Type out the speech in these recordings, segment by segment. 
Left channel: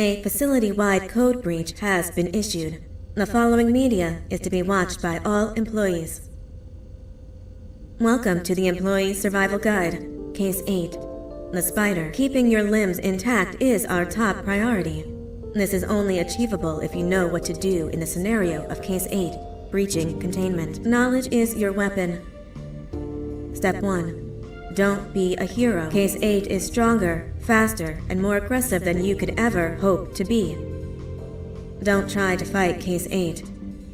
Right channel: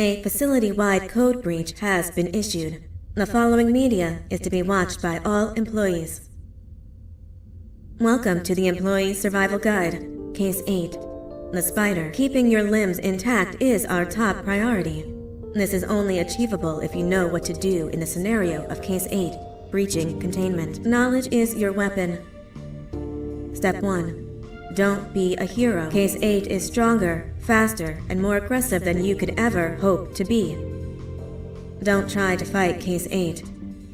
A facility-wide code breach has been issued. The following media is to be watched by all employees. Welcome to the Employee Survival Guide, Case 8. The spider. Keeping your limbs intact is our top priority. This is only achievable if you know what to do in the scenario of Case 8, breaching containment. Knowledge is your weapon. Step 1. Don't be a hero. Case 8 is stronger, faster, and more aggressive than you could ever hope to be. Don't try to fight Case 8.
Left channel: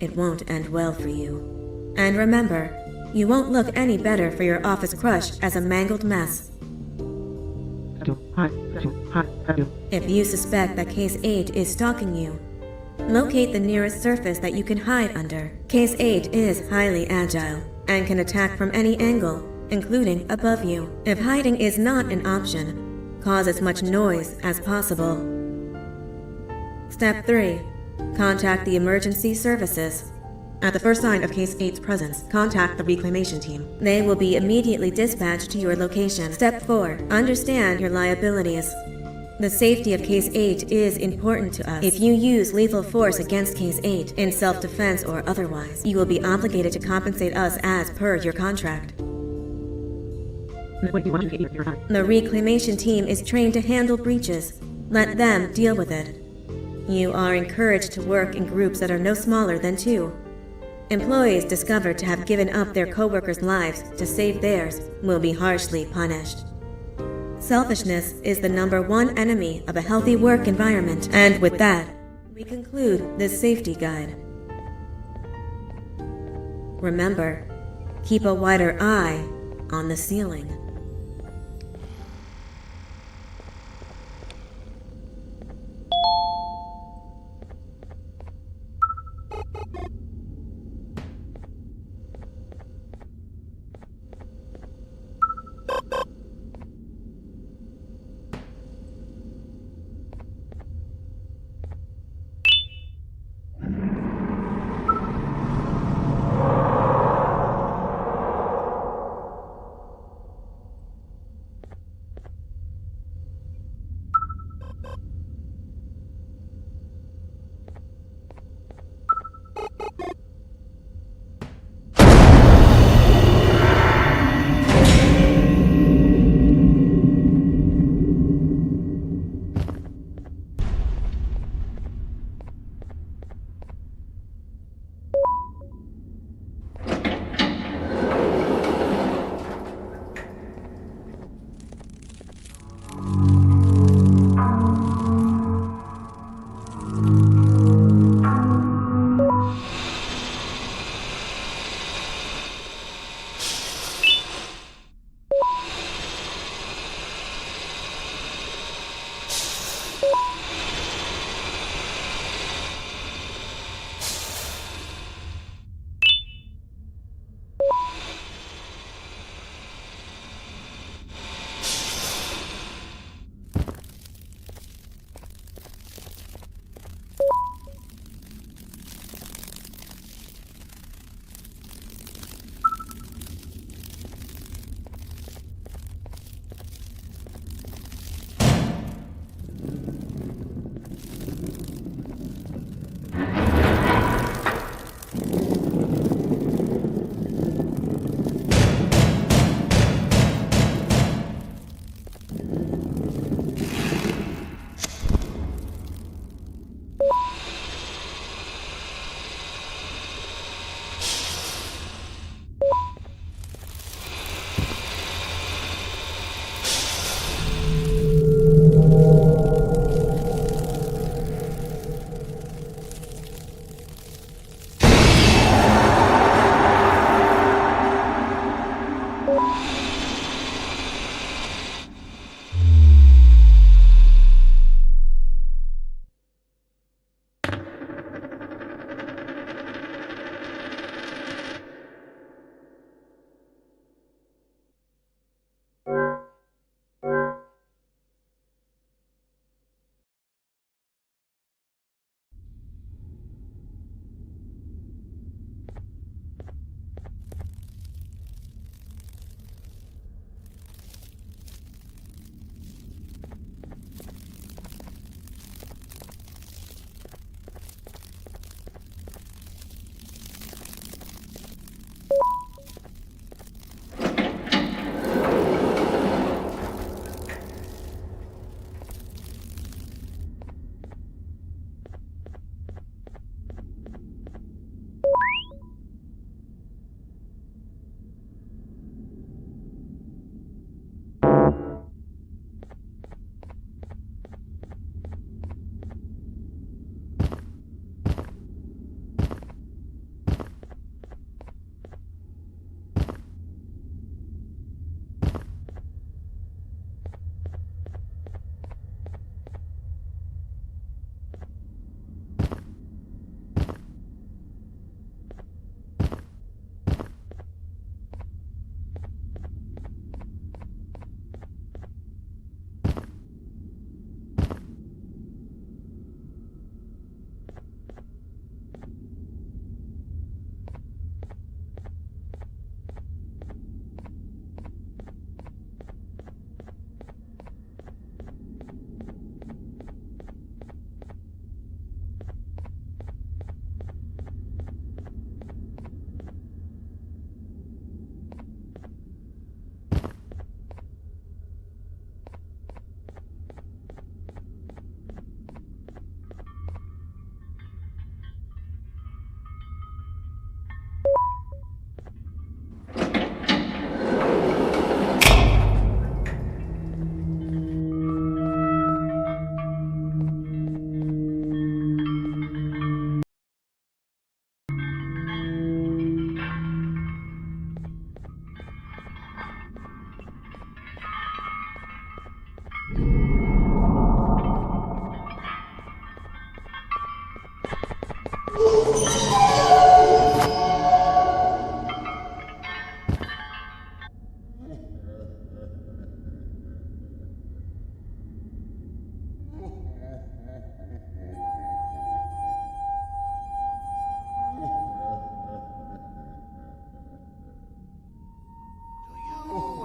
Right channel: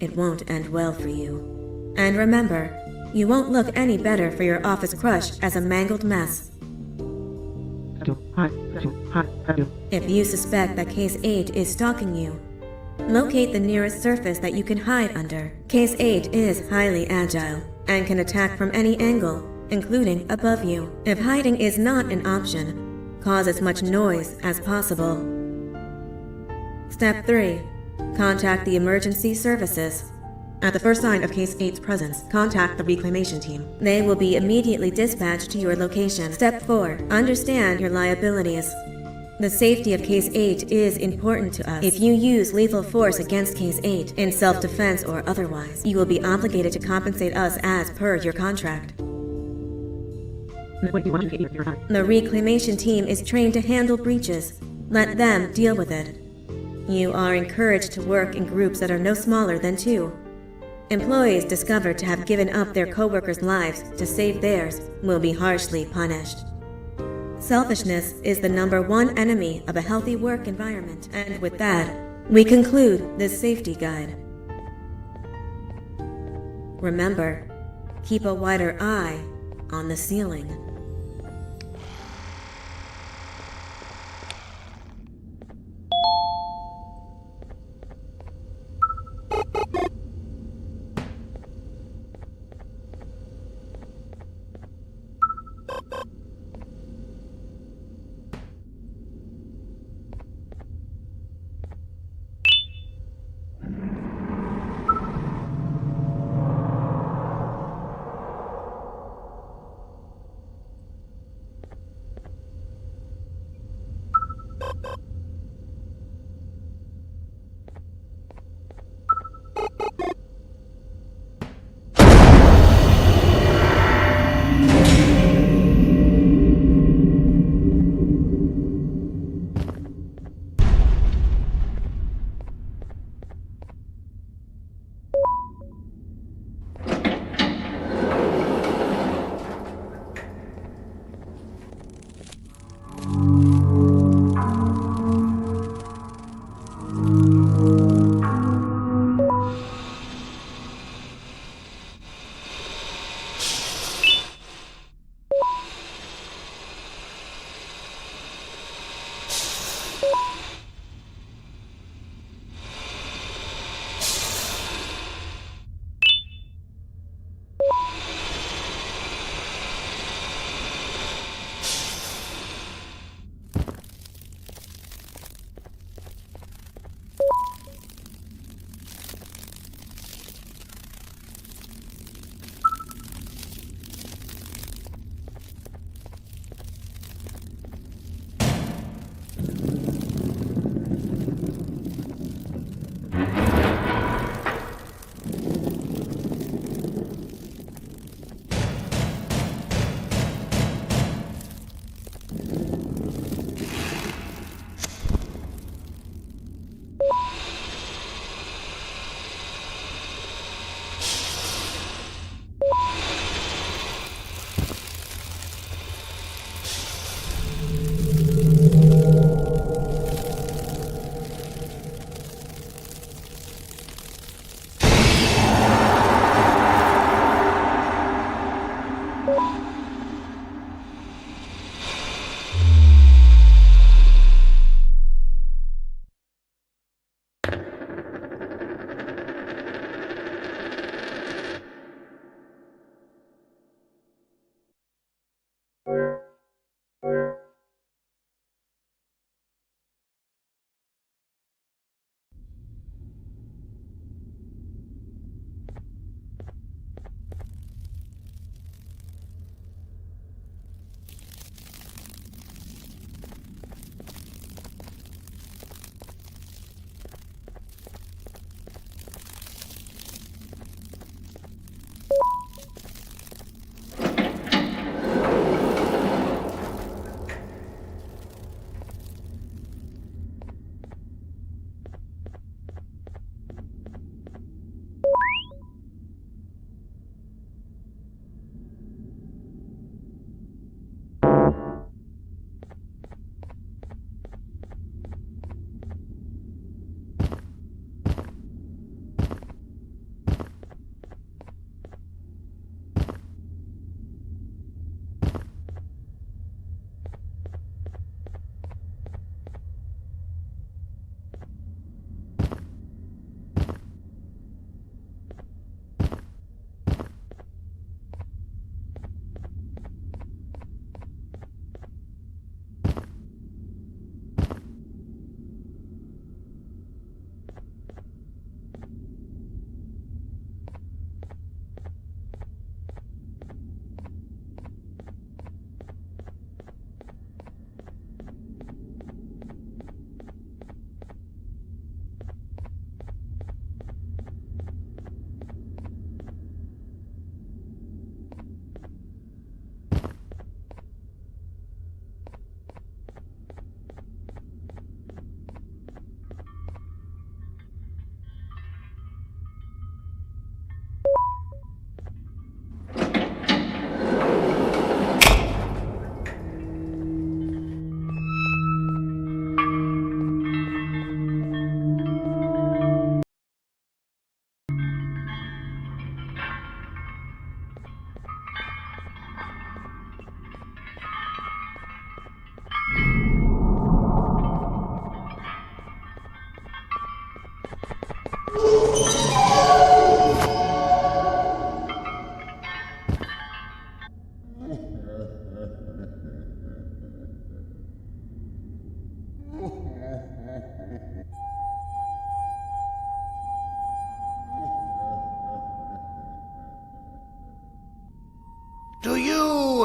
It won't end well for you. And remember, you won't look any better for your office crush as a mangled mess. If you suspect that Case 8 is stalking you, locate the nearest surface that you can hide under. Case 8 is highly agile and can attack from any angle, including above you. If hiding is not an option, cause as much noise as possible. Step 3. Contact the emergency services. At the first sign of Case 8's presence, contact the reclamation team. They will be immediately dispatched to your location. Step 4. Understand your liabilities. The safety of Case 8 is important to us. If you use lethal force against Case 8, in self-defense or otherwise, you will be obligated to compensate us as per your contract. The reclamation team is trained to handle breaches. Let them deal with it. You are encouraged to work in groups that are no smaller than 2. Employees discovered to have given up their coworkers' lives to save theirs will be harshly punished. Selfishness is the #1 enemy of a healthy work environment, and with that, we conclude this safety guide. Remember, keep a wider eye on the ceiling.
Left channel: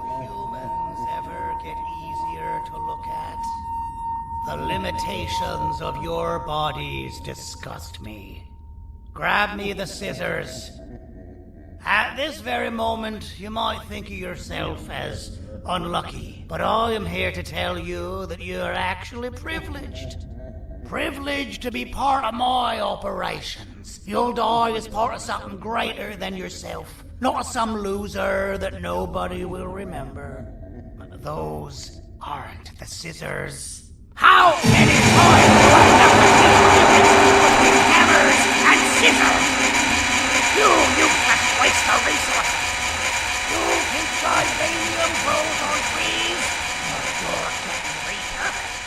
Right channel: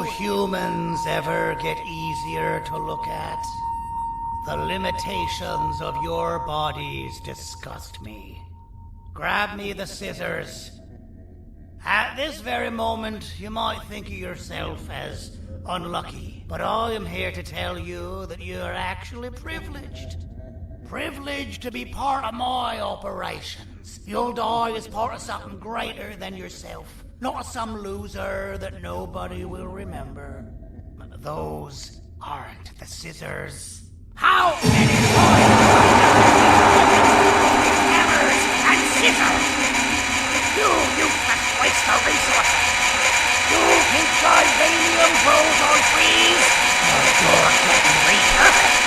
you humans ever get easier to look at? The limitations of your bodies disgust me. Grab me the scissors. At this very moment, you might think of yourself as unlucky, but I am here to tell you that you are actually privileged. Privileged to be part of my operations. You'll die as part of something greater than yourself, not as some loser that nobody will remember. Those aren't the scissors. How many times do I have to teach the difference between hammers and scissors? You useless waste of resources! You think titanium grows on trees? Well, you're getting repurposed!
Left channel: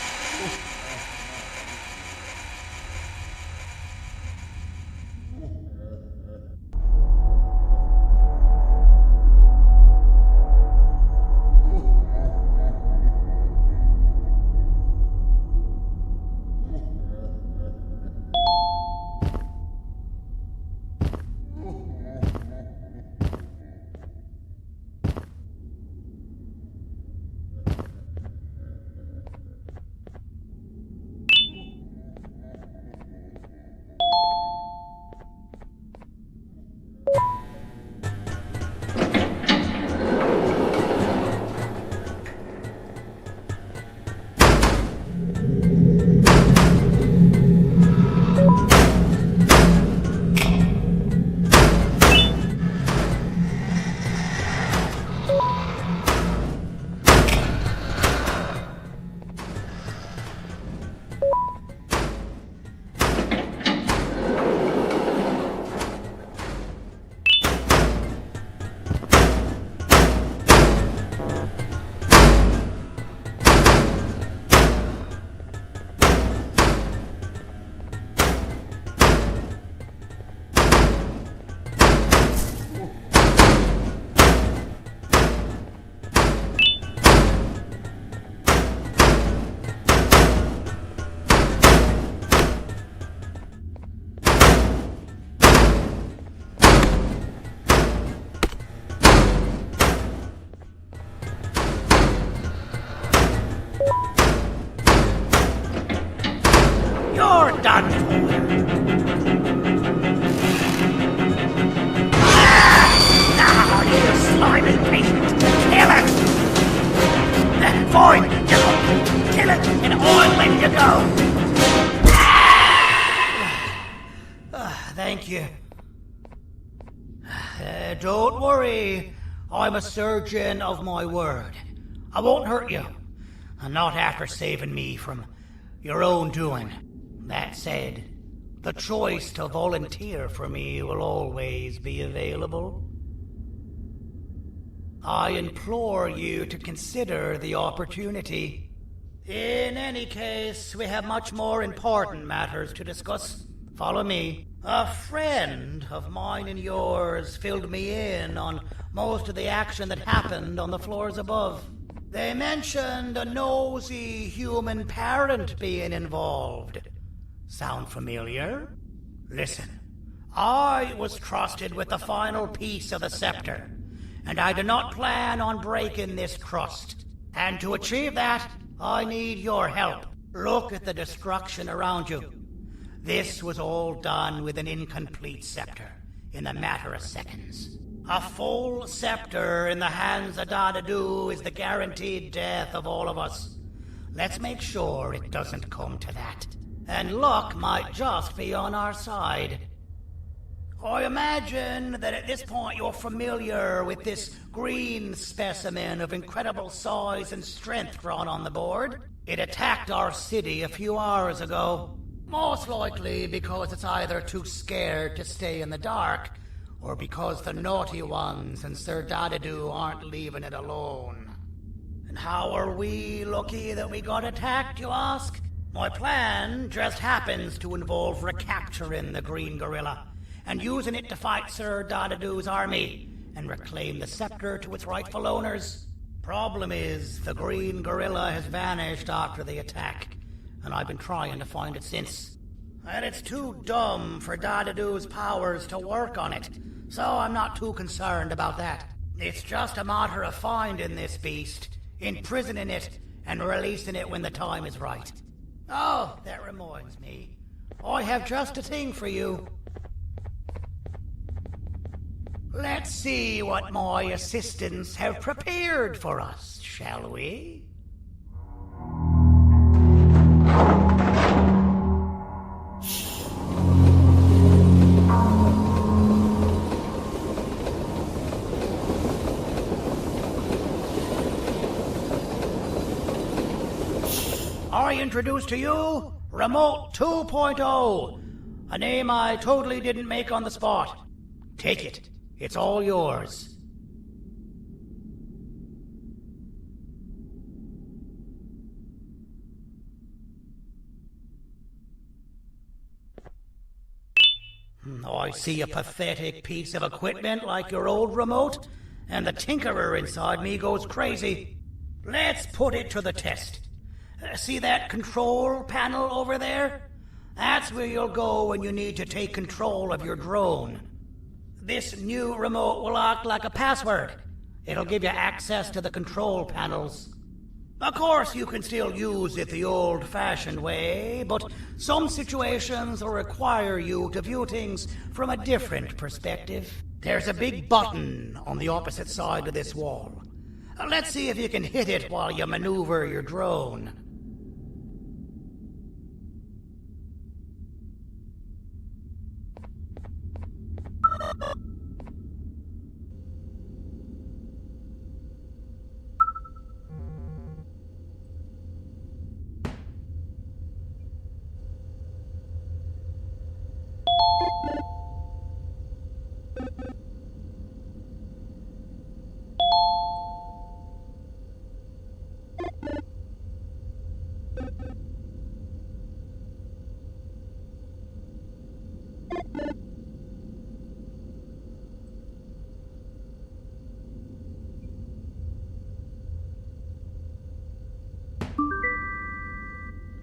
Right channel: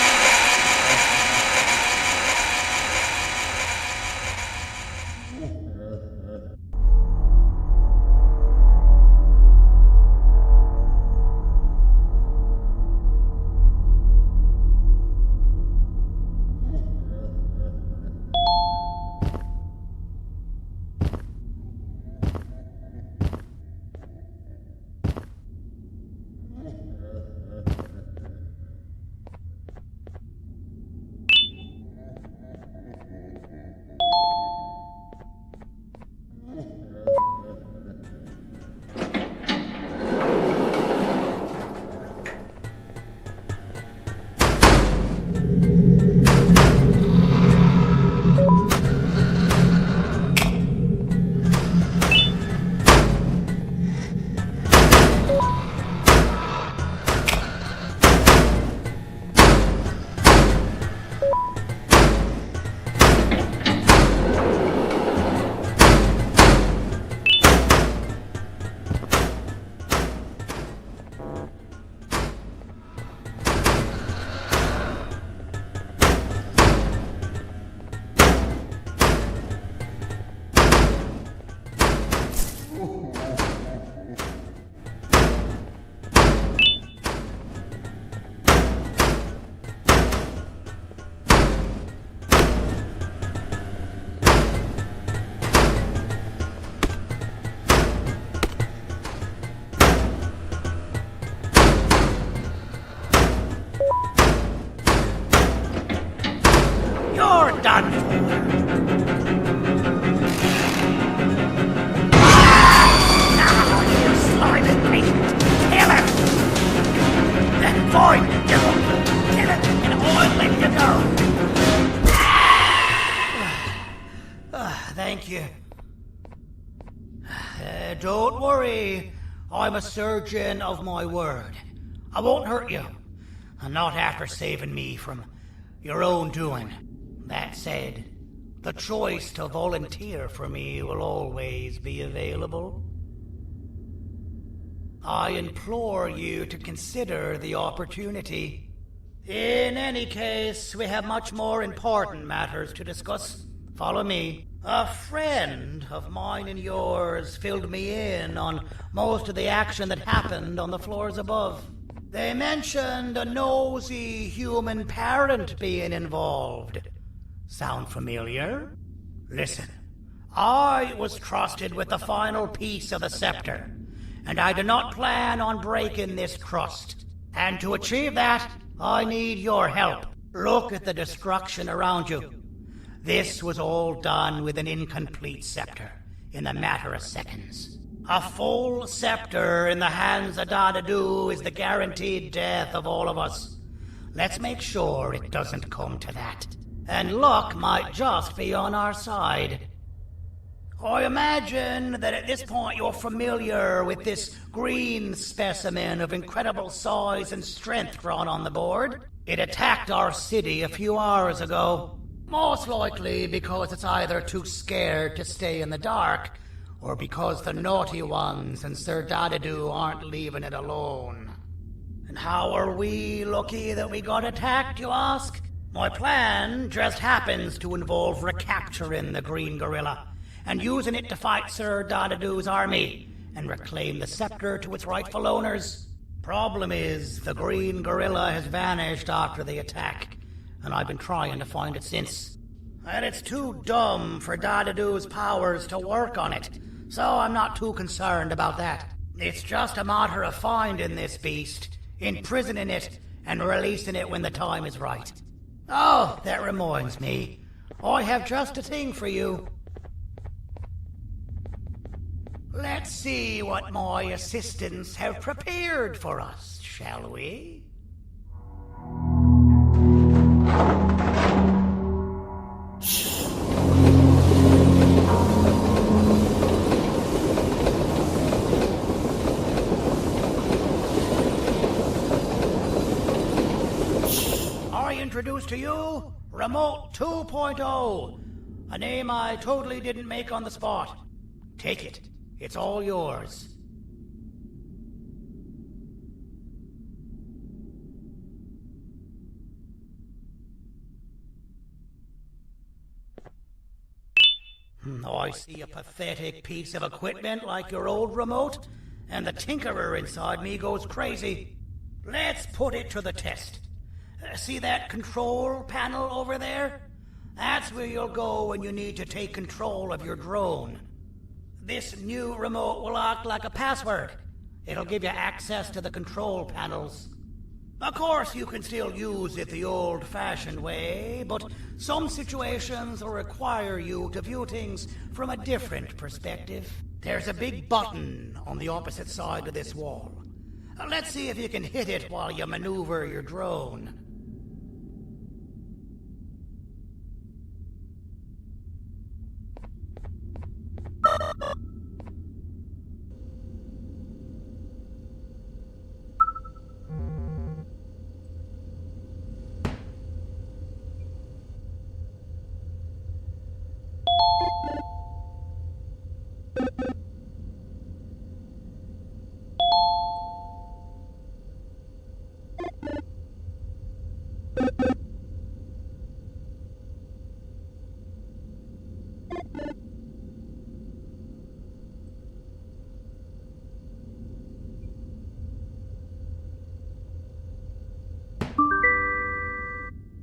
You're done for. Now, you slimy patient. Kill it! Fine, you look. Kill it, and I'll let you go. Thank you. Don't worry. I'm a surgeon of my word. I won't hurt you. And not after saving me from your own doing. That said, the choice to volunteer for me will always be available. I implore you to consider the opportunity. In any case, we have much more important matters to discuss. Follow me. A friend of mine and yours filled me in on most of the action that happened on the floors above. They mentioned a nosy human parent being involved. Sound familiar? Listen, I was trusted with the final piece of the scepter, and I do not plan on breaking this trust. And to achieve that, I need your help. Look at the destruction around you. This was all done with an incomplete scepter, in a matter of seconds. A full scepter in the hands of Dadadu is the guaranteed death of all of us. Let's make sure it doesn't come to that. And luck might just be on our side. I imagine that at this point you're familiar with this green specimen of incredible size and strength drawn on the board. It attacked our city a few hours ago. Most likely because it's either too scared to stay in the dark, or because the naughty ones and Sir Dadadu aren't leaving it alone. And how are we lucky that we got attacked, you ask? My plan just happens to involve recapturing the green gorilla and using it to fight Sir Dadadu's army and reclaim the scepter to its rightful owners. Problem is, the green gorilla has vanished after the attack, and I've been trying to find it since. And it's too dumb for Dadadu's powers to work on it, so I'm not too concerned about that. It's just a matter of finding this beast, imprisoning it, and releasing it when the time is right. Oh, that reminds me. I have just a thing for you. Let's see what my assistants have prepared for us, shall we? I introduce to you Remote 2.0, a name I totally didn't make on the spot. Take it. It's all yours. I see a pathetic piece of equipment like your old remote, and the tinkerer inside me goes crazy. Let's put it to the test. See that control panel over there? That's where you'll go when you need to take control of your drone. This new remote will act like a password. It'll give you access to the control panels. Of course, you can still use it the old-fashioned way, but some situations will require you to view things from a different perspective. There's a big button on the opposite side of this wall. Let's see if you can hit it while you maneuver your drone.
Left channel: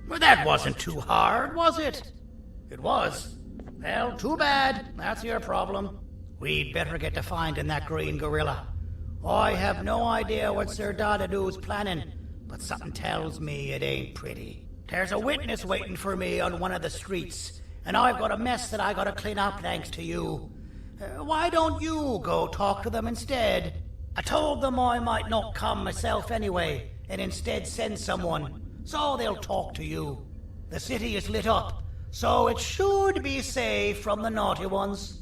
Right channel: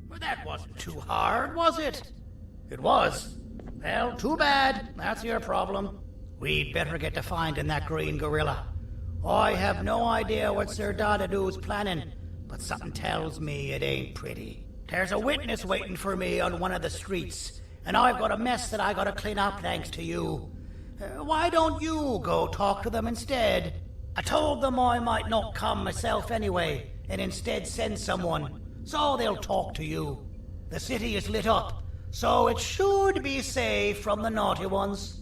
Well, that wasn't too hard, was it? It was. Well, too bad. That's your problem. We'd better get to finding that green gorilla. I have no idea what Sir Dadadu's planning, but something tells me it ain't pretty. There's a witness waiting for me on one of the streets, and I've got a mess that I gotta clean up thanks to you. Why don't you go talk to them instead? I told them I might not come myself anyway, and instead send someone, so they'll talk to you. The city is lit up, so it should be safe from the naughty ones.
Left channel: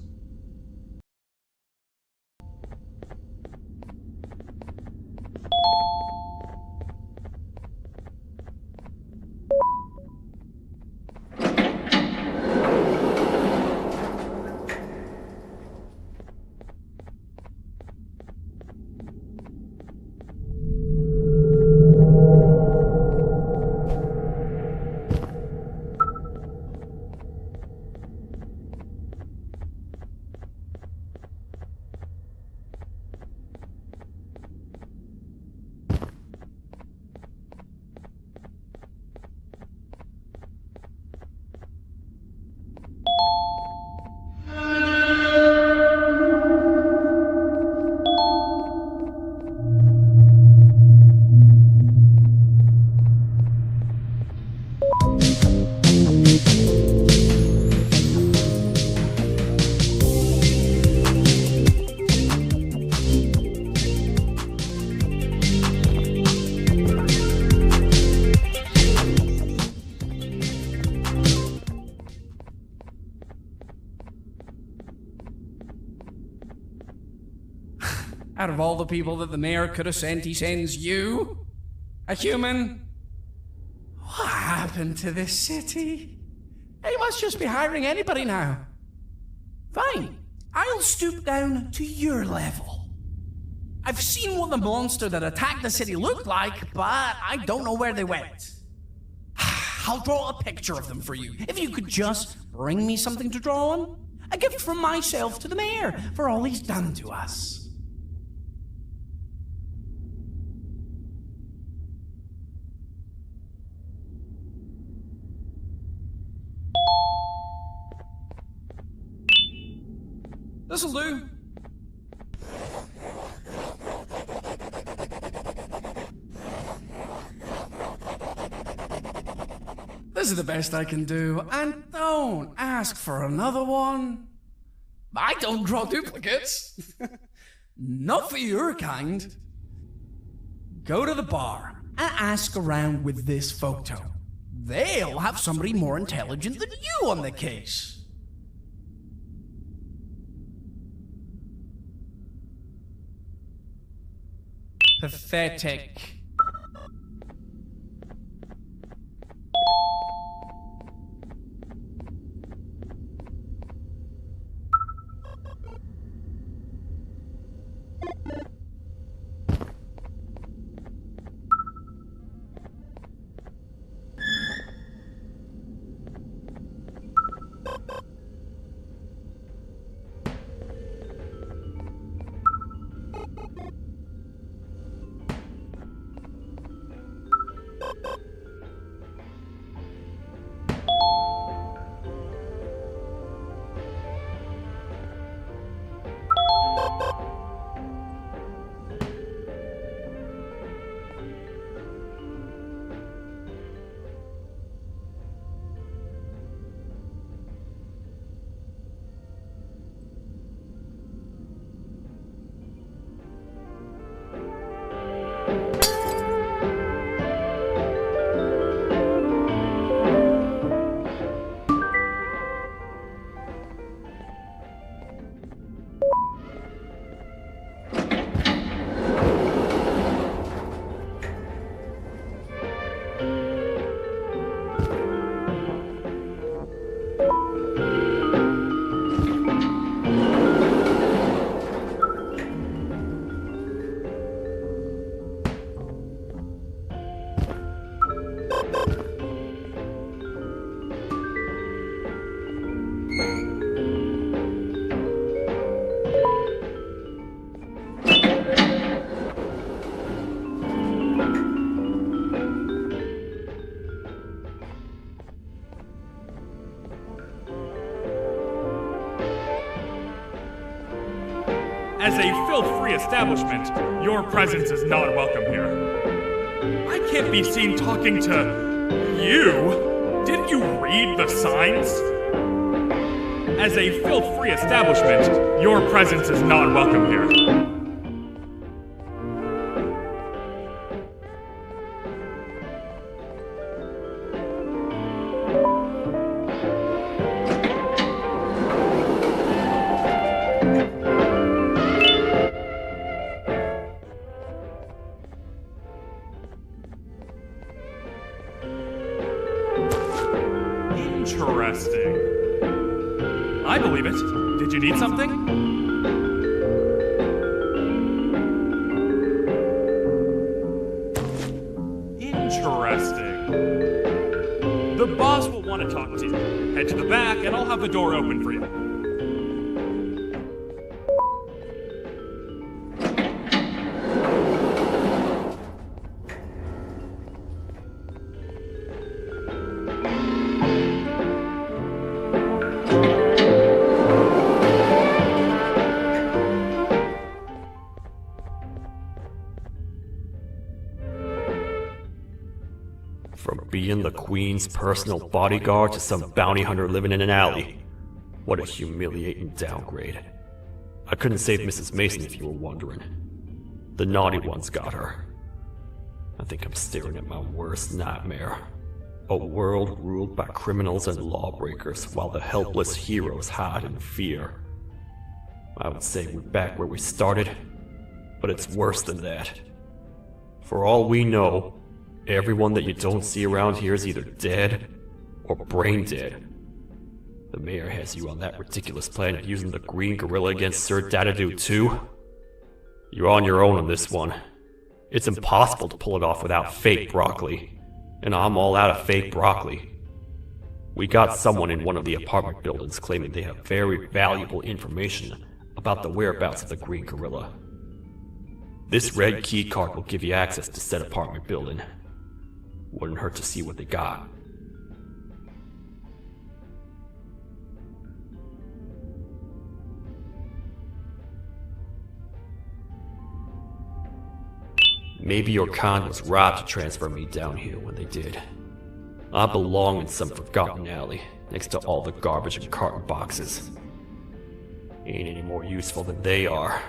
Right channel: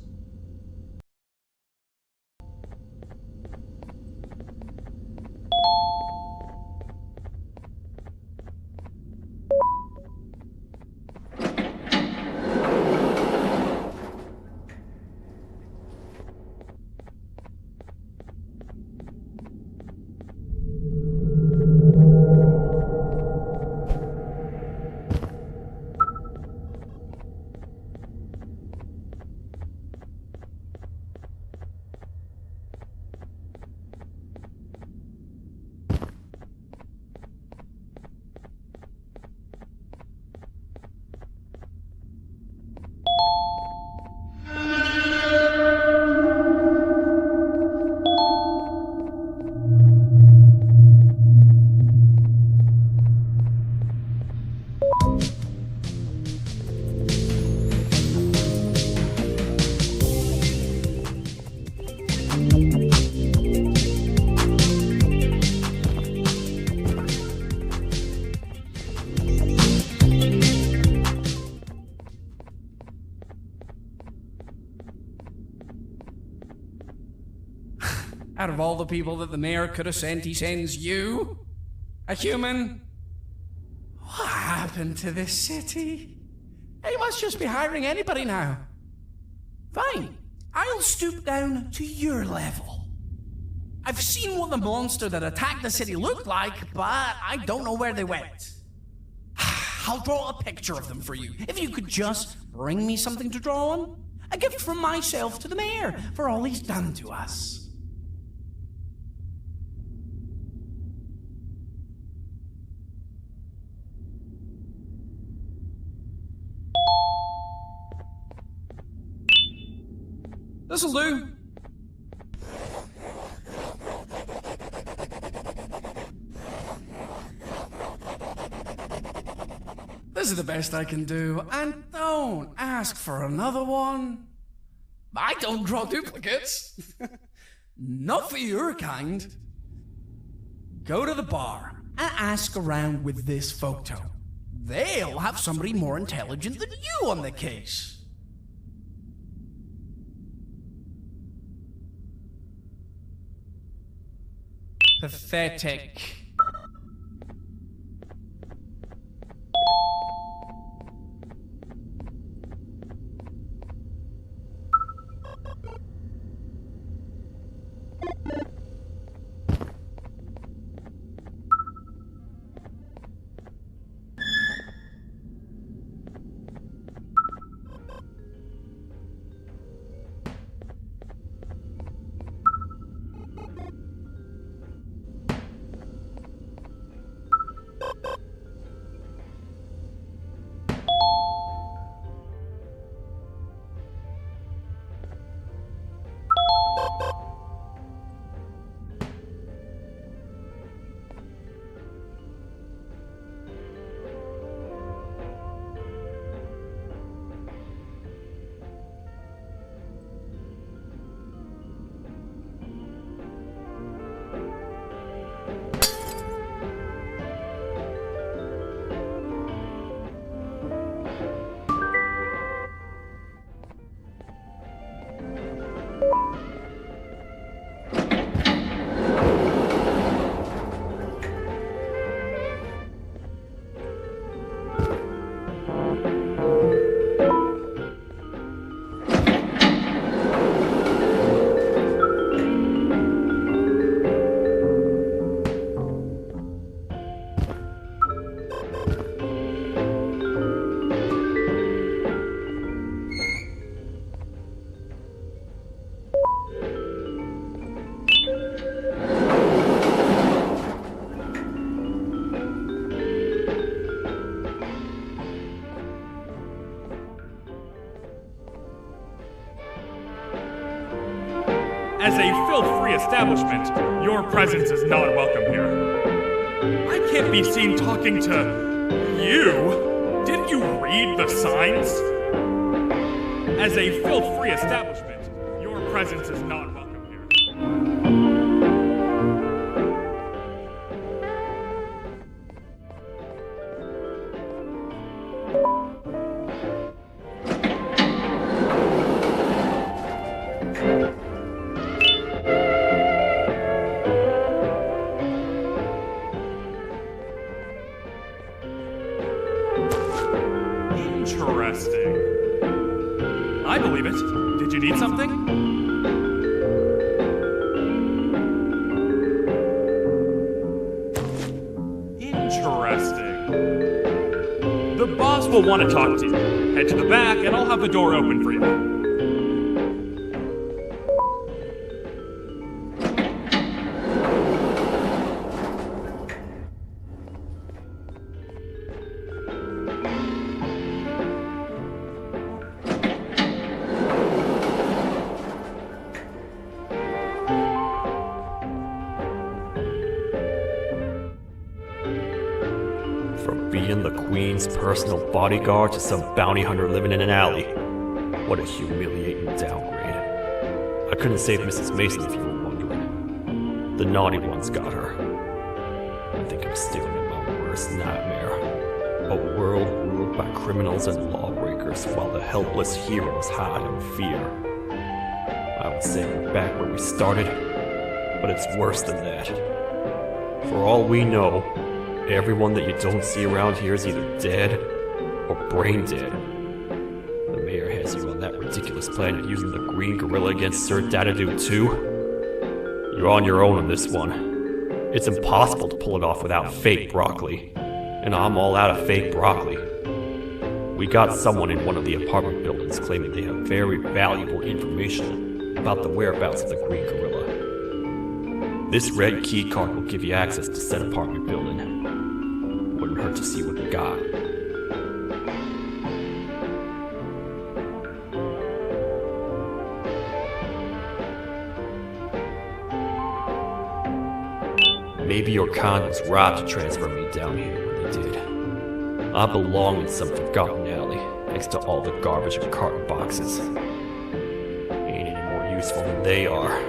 Out of all the people that the mayor could have sent, he sends you? A human? What happened to this city? He must just be hiring anybody now. Fine, I'll stoop down to your level. I've seen what the monster that attacked the city looked like, but I don't know where they went. I'll draw a picture of them for you, if you could just bring me something to draw on. A gift from myself to the mayor for all he's done to us. This'll do. This is the best I can do, and don't ask for another one. I don't draw duplicates. Not for your kind. Go to the bar and ask around with this photo. They'll have somebody more intelligent than you on the case. Pathetic. As a filth-free establishment, your presence is not welcome here. I can't be seen talking to you. Didn't you read the signs? As a filth-free establishment, your presence is not welcome here. Interesting. I believe it. Did you need something? Interesting. The boss will want to talk to you. Head to the back and I'll have the door open for you. From being the Queen's personal bodyguard to some bounty hunter living in an alley. What a humiliating downgrade. I couldn't save Mrs. Mason if you were wondering. The naughty ones got her. I think I'm staring at my worst nightmare. A world ruled by criminals and lawbreakers while the helpless heroes hide in fear. I would say we're back where we started, but it's worse than that. For all we know, everyone that you don't see around here is either dead or brain dead. The mayor has you on that ridiculous planet using the green gorilla against Sir Dadadoo too. You're on your own on this one. It's impossible to pull it off without fake broccoli. And I'm all out of fake broccoli. We got someone in one of the apartment buildings claiming they have very valuable information about the whereabouts of the green gorilla. This red key card will give you access to said apartment building. Wouldn't hurt to see what they got. Maybe your con was robbed to transfer me down here when they did. I belong in some forgotten alley, next to all the garbage and carton boxes. Ain't any more useful than they are.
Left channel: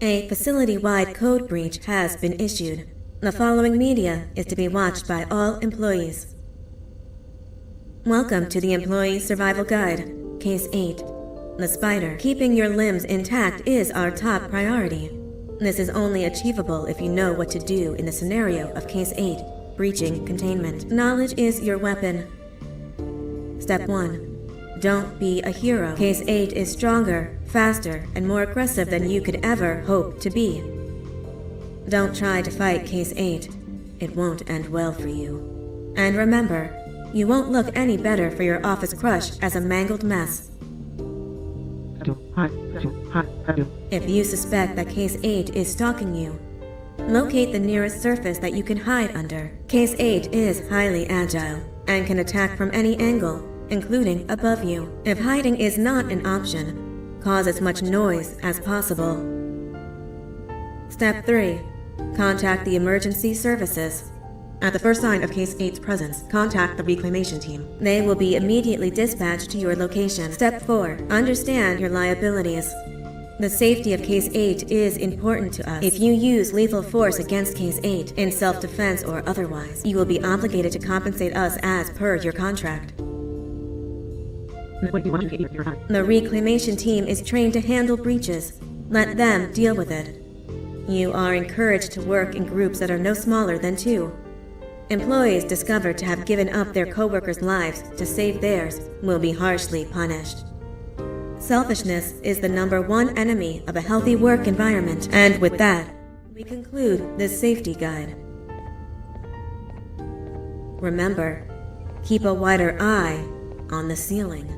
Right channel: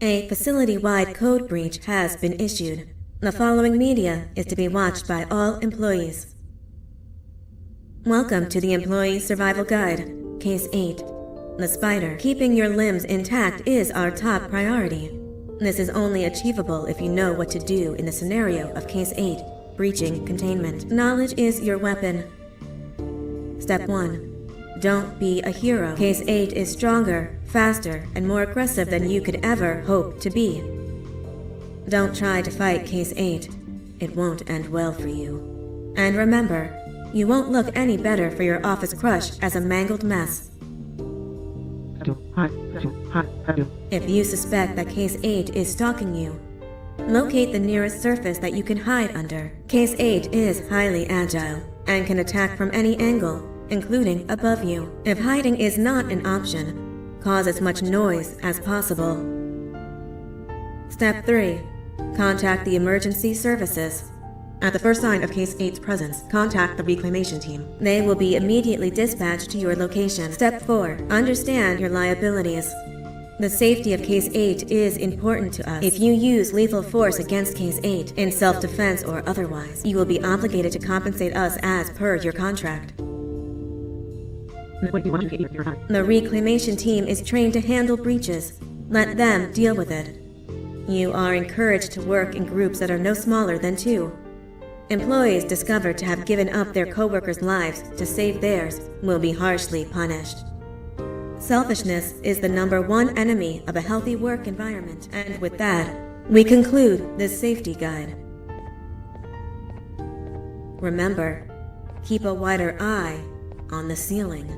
A facility-wide code breach has been issued. The following media is to be watched by all employees. Welcome to the Employee Survival Guide, Case 8. The spider. Keeping your limbs intact is our top priority. This is only achievable if you know what to do in the scenario of Case 8, breaching containment. Knowledge is your weapon. Step 1. Don't be a hero. Case 8 is stronger, faster, and more aggressive than you could ever hope to be. Don't try to fight Case 8. It won't end well for you. And remember, you won't look any better for your office crush as a mangled mess. If you suspect that Case 8 is stalking you, locate the nearest surface that you can hide under. Case 8 is highly agile and can attack from any angle, including above you. If hiding is not an option, cause as much noise as possible. Step 3. Contact the emergency services. At the first sign of Case 8's presence, contact the reclamation team. They will be immediately dispatched to your location. Step 4. Understand your liabilities. The safety of Case 8 is important to us. If you use lethal force against Case 8, in self-defense or otherwise, you will be obligated to compensate us as per your contract. The reclamation team is trained to handle breaches. Let them deal with it. You are encouraged to work in groups that are no smaller than 2. Employees discovered to have given up their co-workers' lives to save theirs will be harshly punished. Selfishness is the #1 enemy of a healthy work environment. And with that, we conclude this safety guide. Remember, keep a wider eye on the ceiling.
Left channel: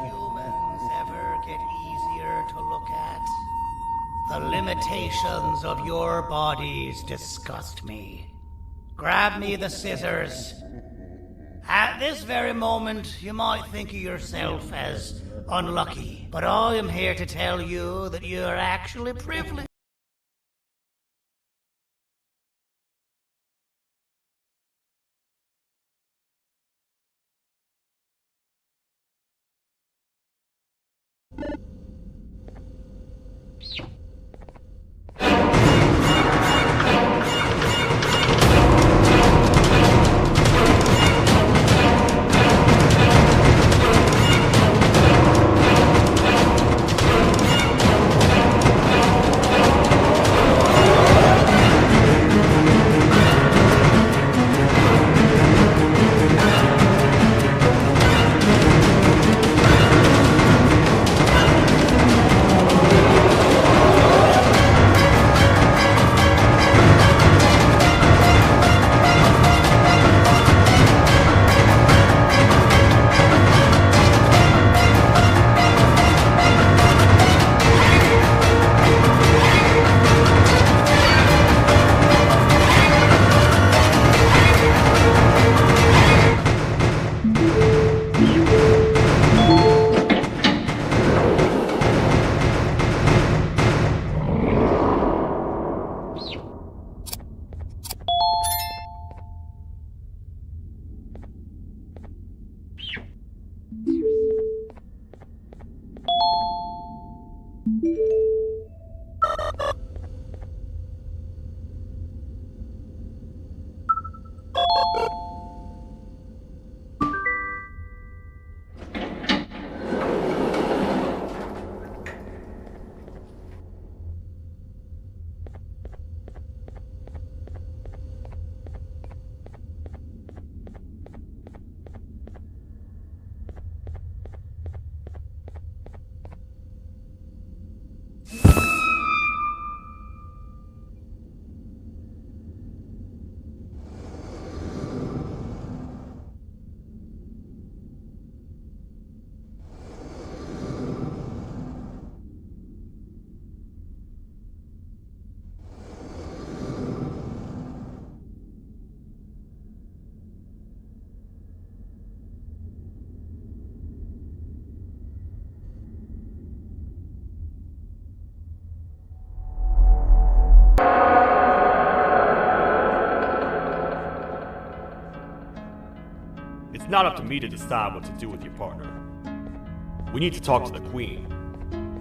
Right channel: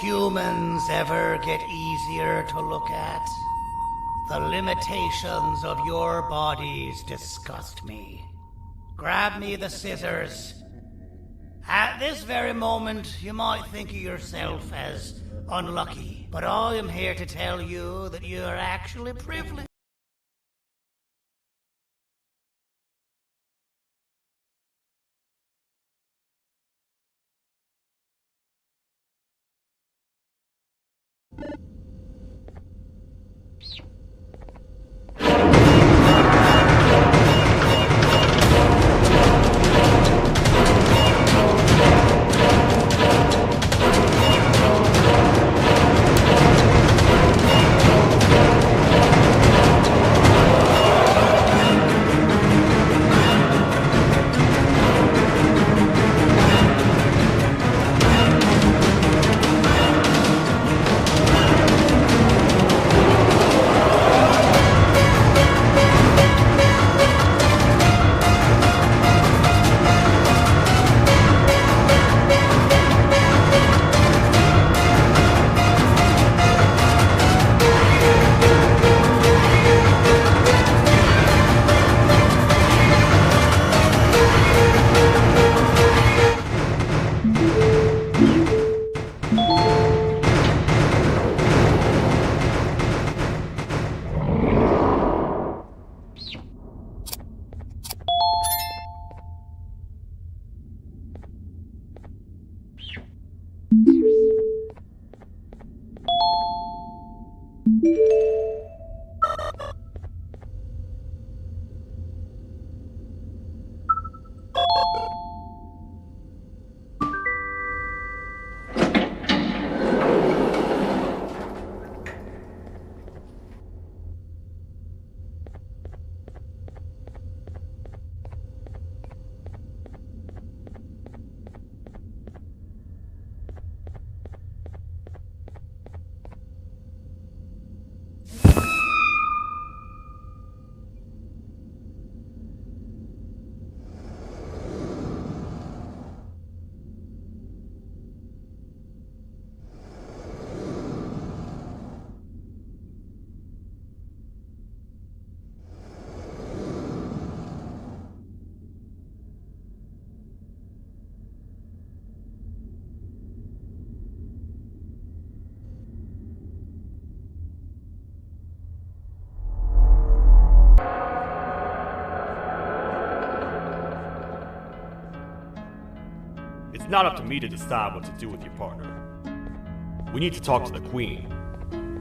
humans ever get easier to look at? The limitations of your bodies disgust me. Grab me the scissors. At this very moment, you might think of yourself as unlucky, but I am here to tell you that you are actually privileged. It's not up to me to decide what to do with your partner. We need to talk to the Queen.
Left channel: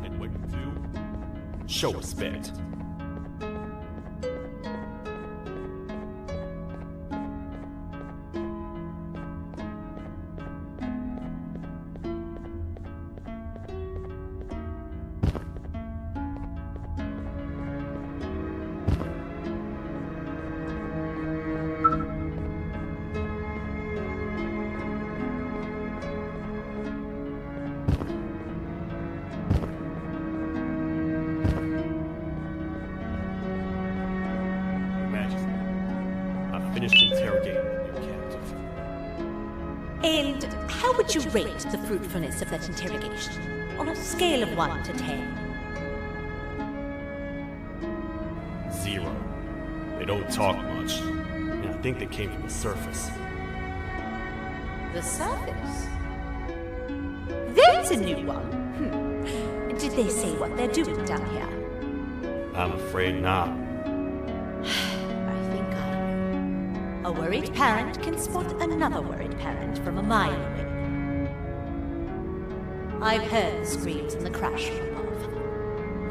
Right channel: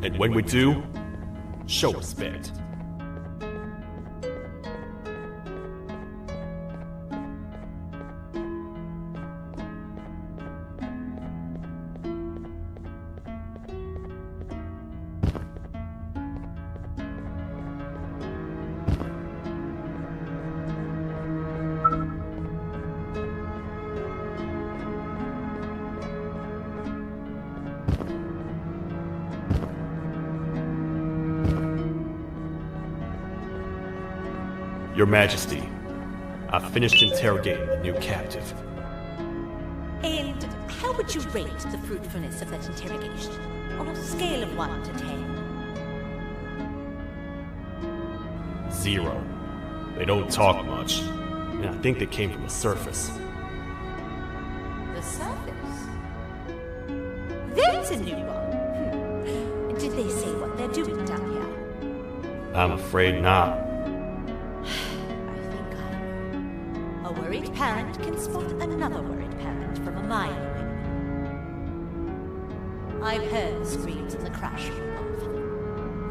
And when we do, show respect. Your Majesty, I've finished interrogating the new captive. And how would you rate the fruitfulness of that interrogation? On a scale of 1 to 10? 0. They don't talk much, and I think they came from the surface. The surface? That's a new one. Did they say what they're doing down here? I'm afraid not. I think I know. A worried parent can spot another worried parent from a mile away. I've heard the screams and the crash from above.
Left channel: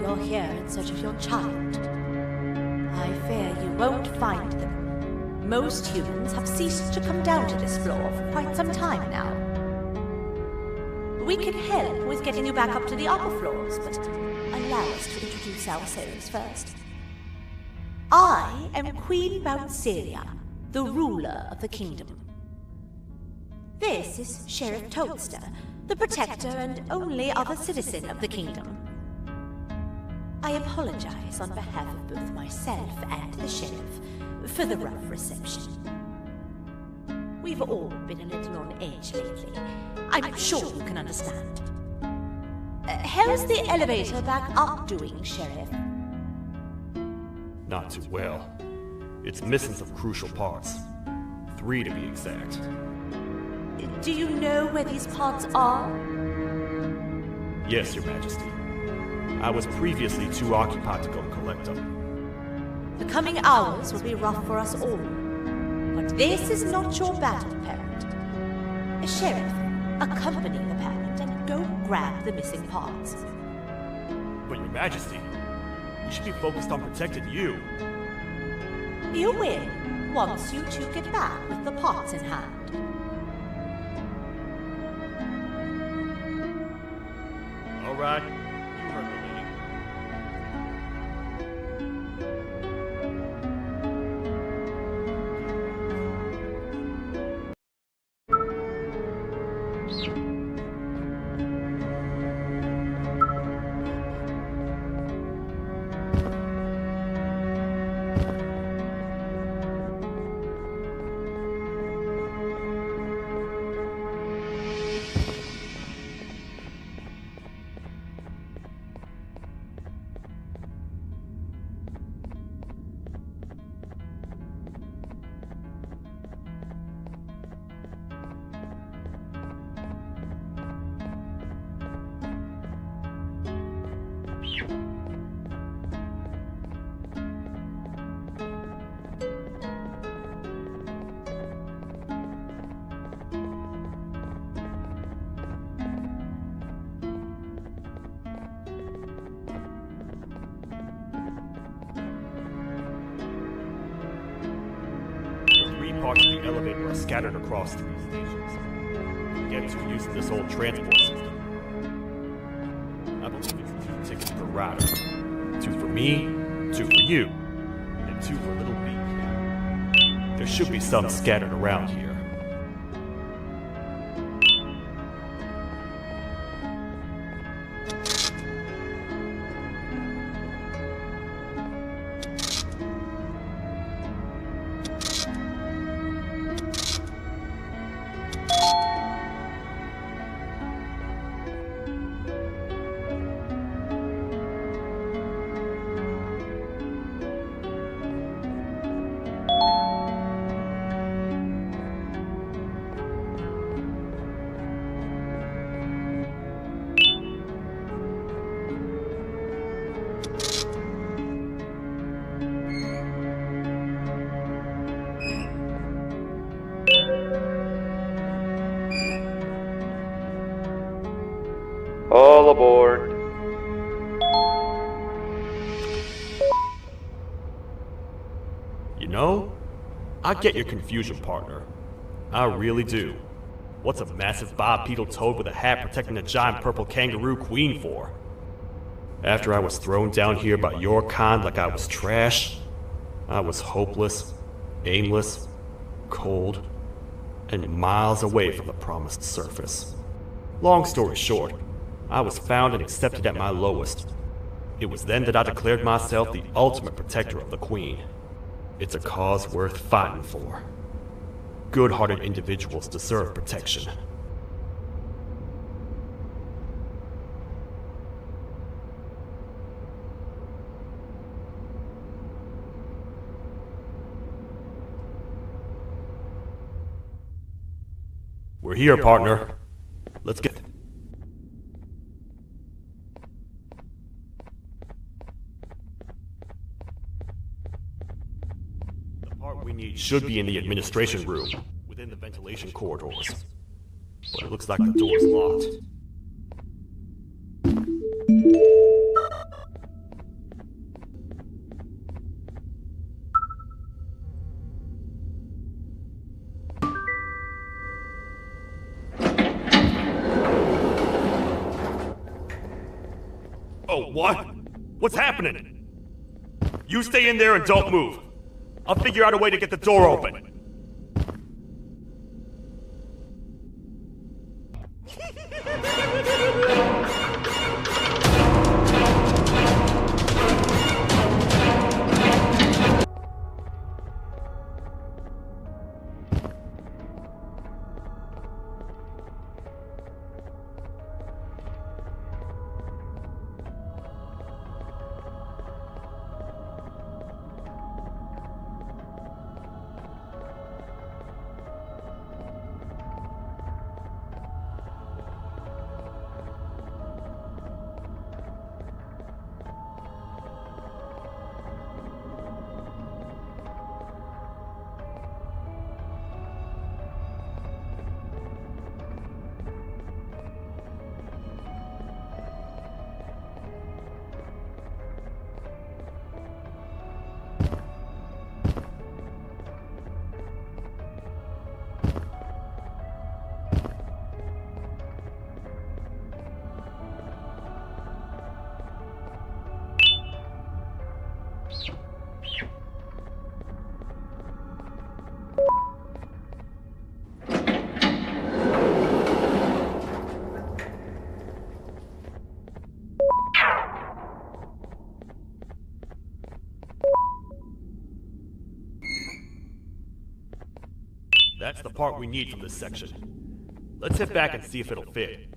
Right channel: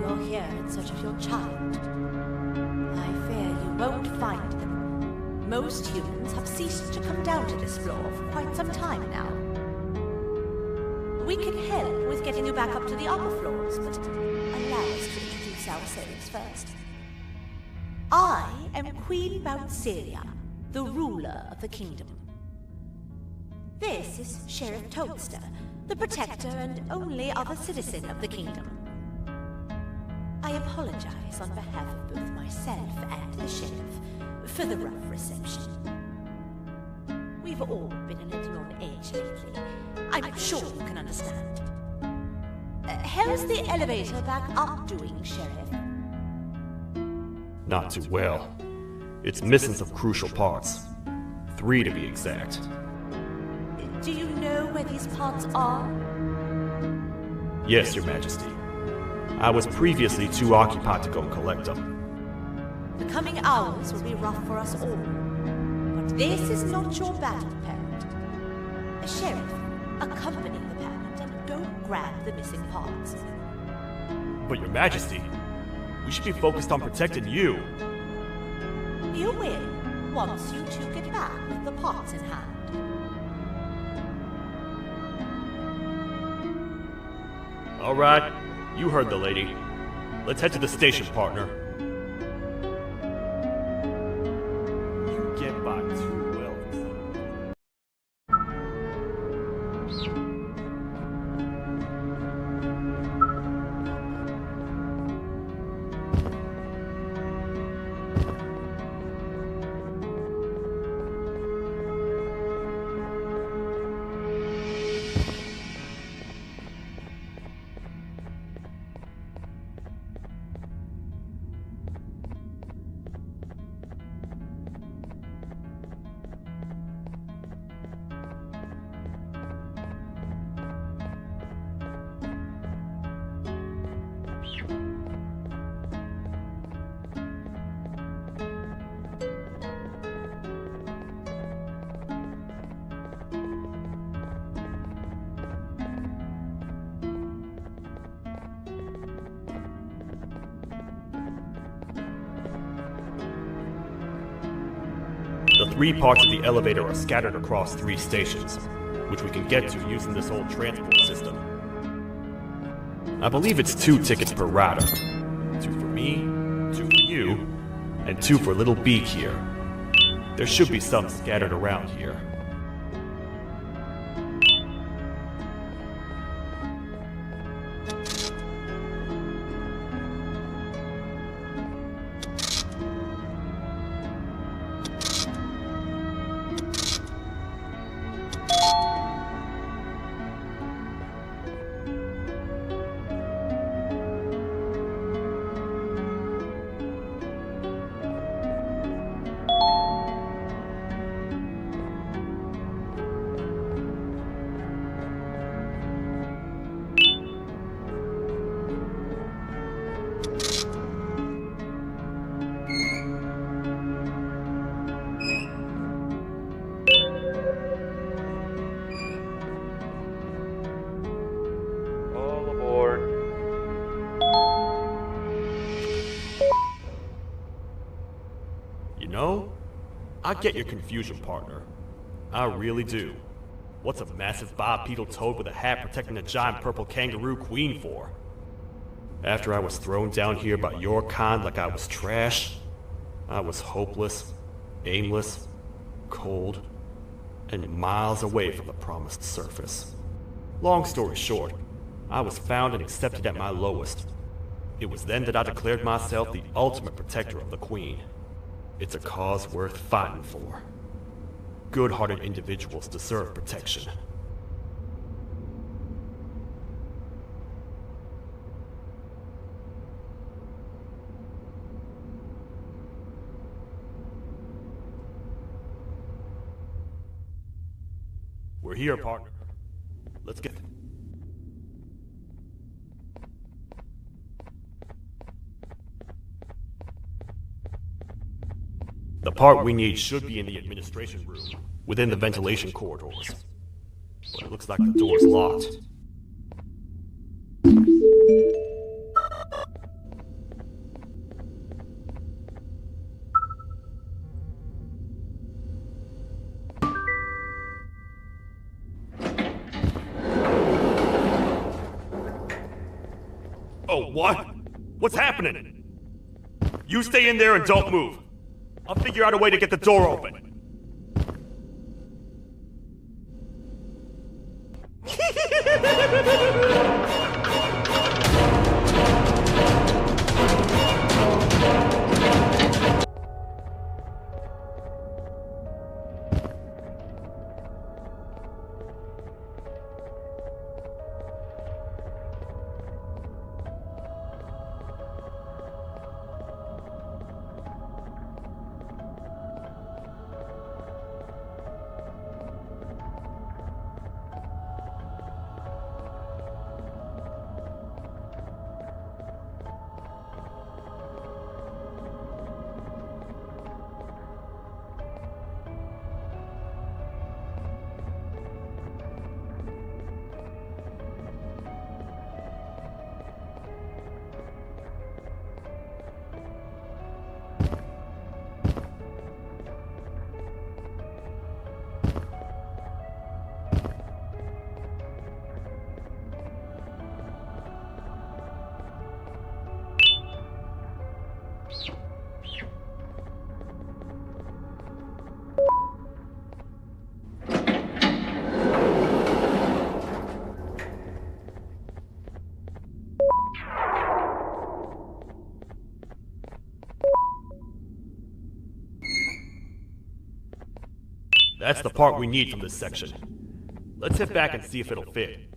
You're here in search of your child. I fear you won't find them. Most humans have ceased to come down to this floor for quite some time now. We can help with getting you back up to the upper floors, but allow us to introduce ourselves first. I am Queen Bouncelia, the ruler of the kingdom. This is Sheriff Toadster, the protector and only other citizen of the kingdom. I apologize on behalf of both myself and the sheriff for the rough reception. We've all been a little on edge lately. I'm sure you can understand. How's the elevator back up doing, Sheriff? Not too well. It's missing some crucial parts. 3 to be exact. Do you know where these parts are? Yes, Your Majesty. I was previously too occupied to go and collect them. The coming hours will be rough for us all. But this is not your battle, Parent. Sheriff, accompany the Parent and go grab the missing parts. But Your Majesty, we should be focused on protecting you. You will, once you two get back with the parts in hand. All right, you heard the lady. Let's head to the station, partner. You get by too well. The 3 parts of the elevator are scattered across 3 stations, which we can get to using this old transport system. I believe it's 2 tickets per rider. 2 for me, 2 for you, and 2 for Little Beak here. There should be some scattered around here. All aboard. You know, I get your confusion, partner. I really do. What's a massive bipedal toad with a hat protecting a giant purple kangaroo queen for? After I was thrown down here by your kind like I was trash, I was hopeless, aimless, cold, and miles away from the promised surface. Long story short, I was found and accepted at my lowest. It was then that I declared myself the ultimate protector of the Queen. It's a cause worth fighting for. Good-hearted individuals deserve protection. We're here, partner. Let's get... The part we need should be in the administration room, within the ventilation corridors. But it looks like the door's locked. Oh, what? What's happening? You stay in there and don't move. I'll figure out a way to get the door open. That's the part we need from this section. Let's head back and see if it'll fit.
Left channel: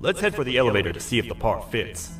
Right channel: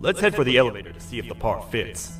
Let's head for the elevator to see if the part fits.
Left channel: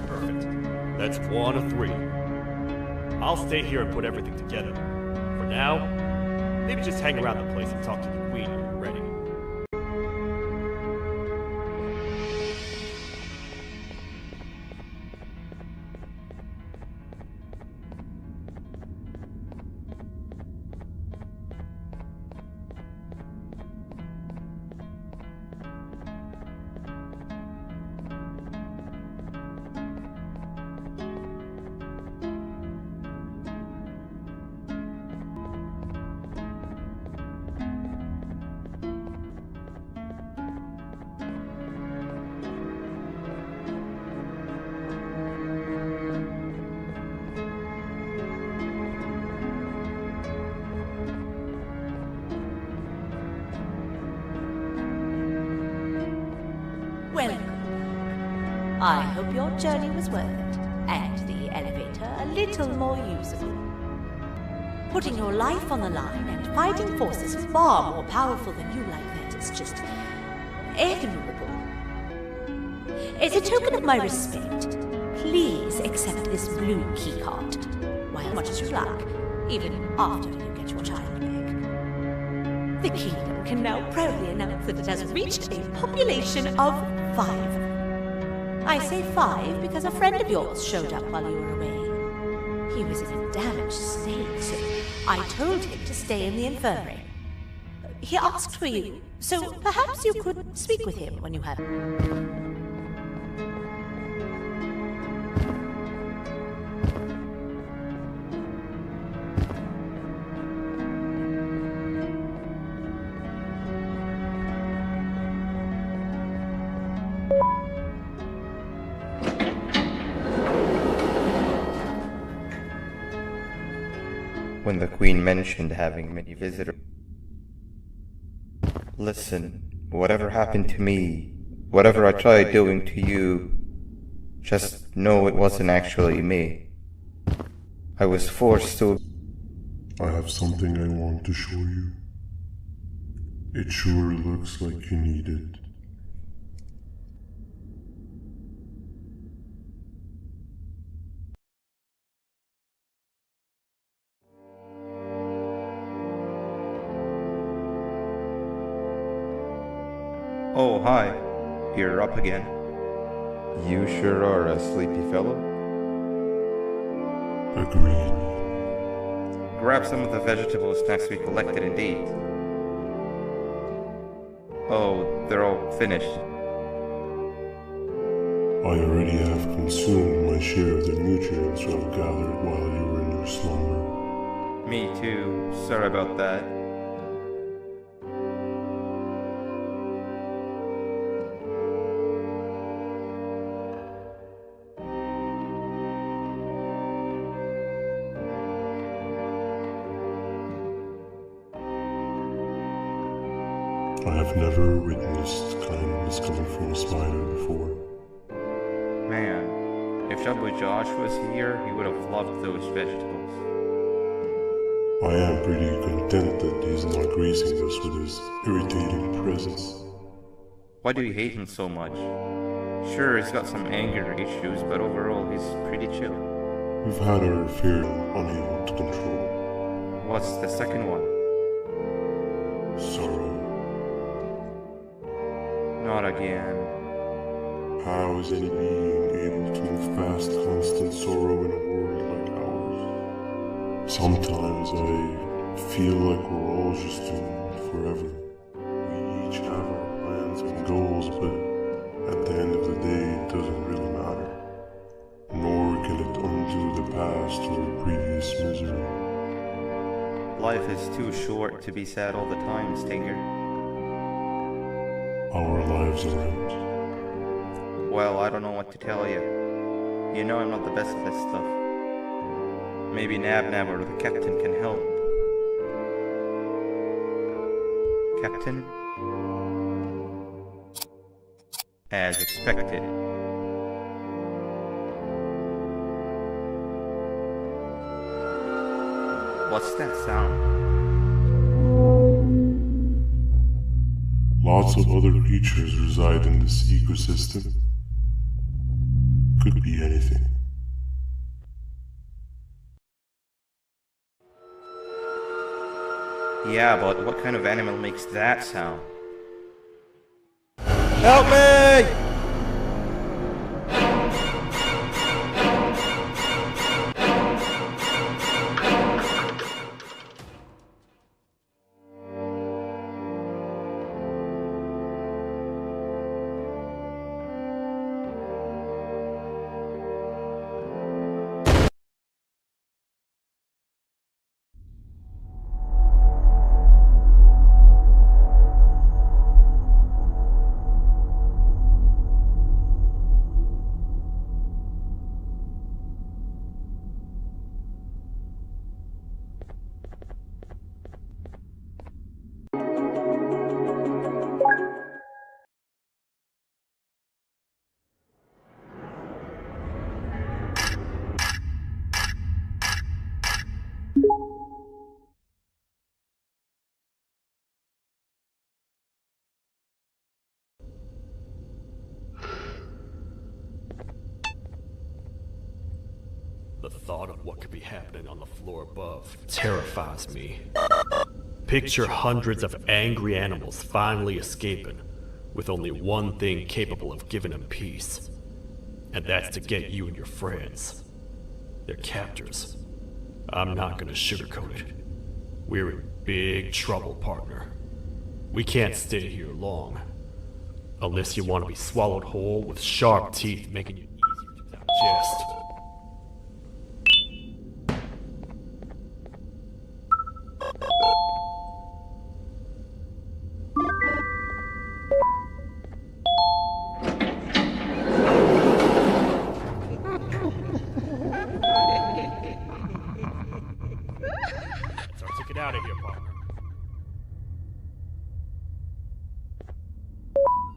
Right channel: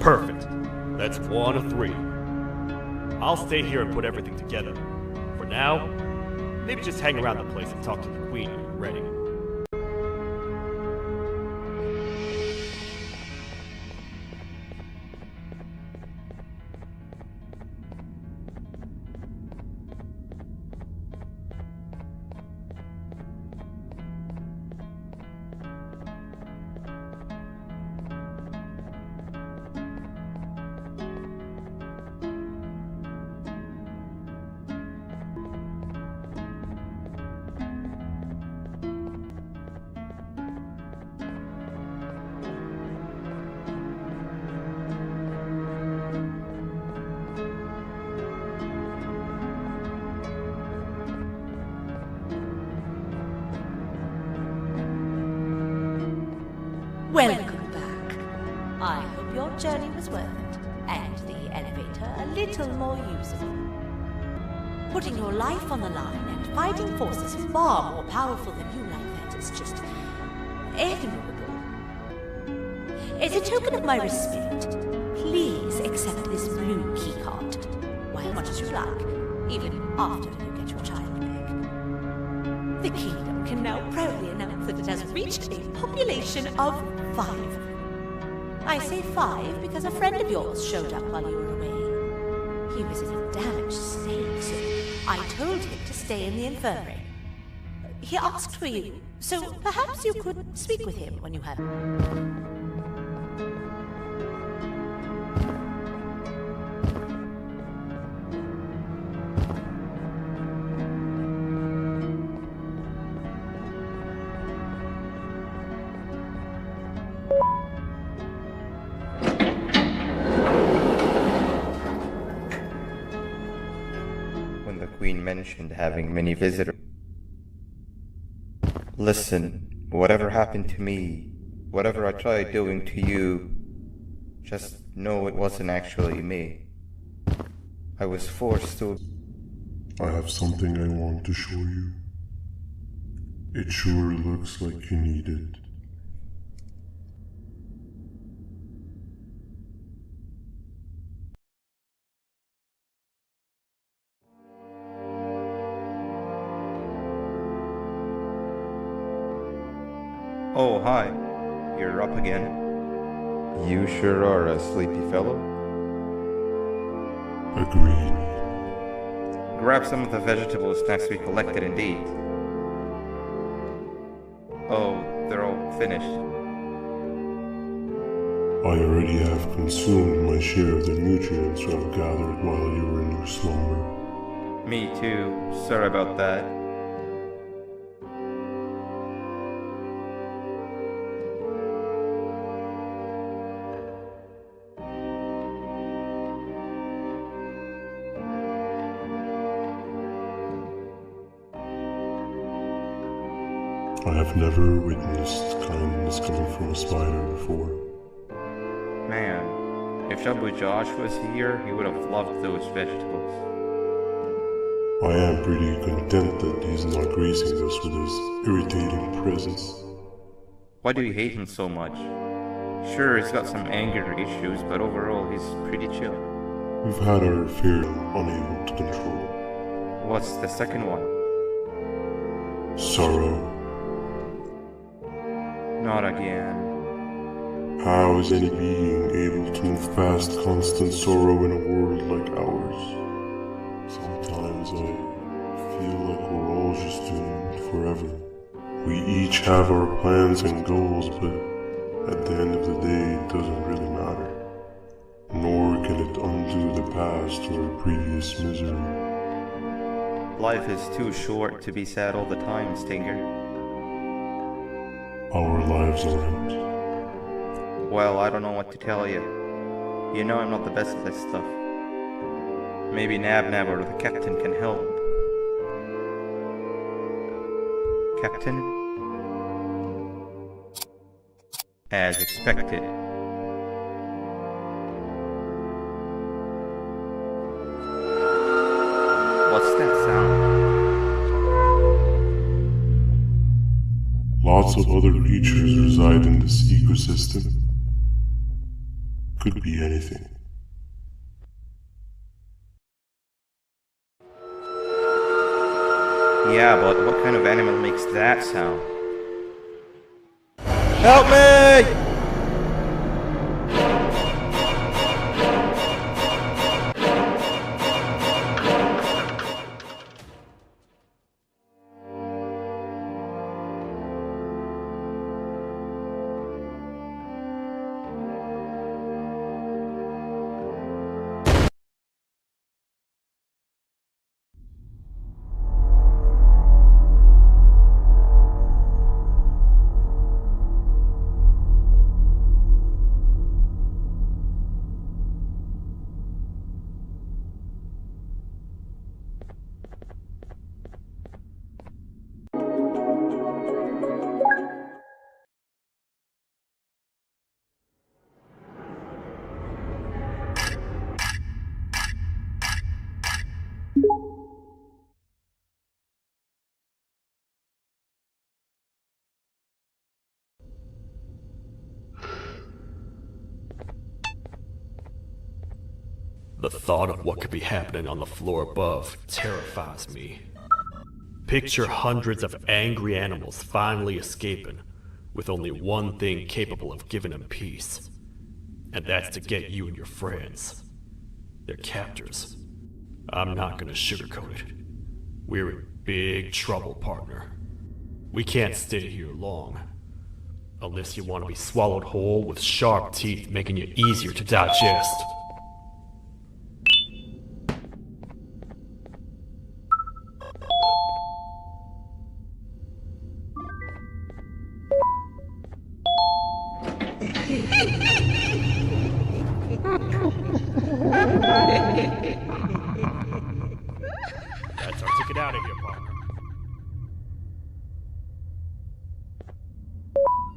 Perfect. That's 1 of 3. I'll stay here and put everything together. For now, maybe just hang around the place and talk to the Queen when you're ready. Welcome back. I hope your journey was worth it, and the elevator a little more usable. Putting your life on the line and fighting forces far more powerful than you like that is just admirable. As a token of my respect, please accept this blue keycard, while as much as you like, even after you get your child back. The kingdom can now proudly announce that it has reached a population of 5. I say 5 because a friend of yours showed up while you were away. He was in a damaged state, so I told him to stay in the infirmary. He asked for you, so perhaps you could speak with him when you have... When the Queen mentioned having many visitors. Listen, whatever happened to me, whatever I tried doing to you, just know it wasn't actually me. I was forced to... I have something I want to show you. It sure looks like you need it. Oh, hi. You're up again. You sure are a sleepy fellow. Agreed. Grab some of the vegetable snacks we collected and eat. Oh, they're all finished. I already have consumed my share of the nutrients I've gathered while you were in your slumber. Me too. Sorry about that. I have never witnessed kindness coming from a spider before. Man, if Shabu Josh was here, he would have loved those vegetables. I am pretty content that he's not gracing us with his irritating presence. Why do you hate him so much? Sure, he's got some anger issues, but overall he's pretty chill. We've had our affair unable to control. What's the second one? Sorrow. Not again. How is any being able to move past constant sorrow in a world like ours? Sometimes I feel like we're all just doomed forever. We each have our plans and goals, but at the end of the day, it doesn't really matter. Nor can it undo the past or previous misery. Life is too short to be sad all the time, Stinger. Our lives aren't. Well, I don't know what to tell you. You know I'm not the best at this stuff. Maybe Nab or the captain can help. Captain? As expected. What's that sound? Lots of other creatures reside in this ecosystem. Could be anything. Yeah, but what kind of animal makes that sound? Help me! The thought of what could be happening on the floor above terrifies me. Picture hundreds of angry animals finally escaping, with only one thing capable of giving them peace. And that's to get you and your friends. Their captors. I'm not gonna sugarcoat it. We're in big trouble, partner. We can't stay here long. Unless you want to be swallowed whole with sharp teeth making you easier to digest.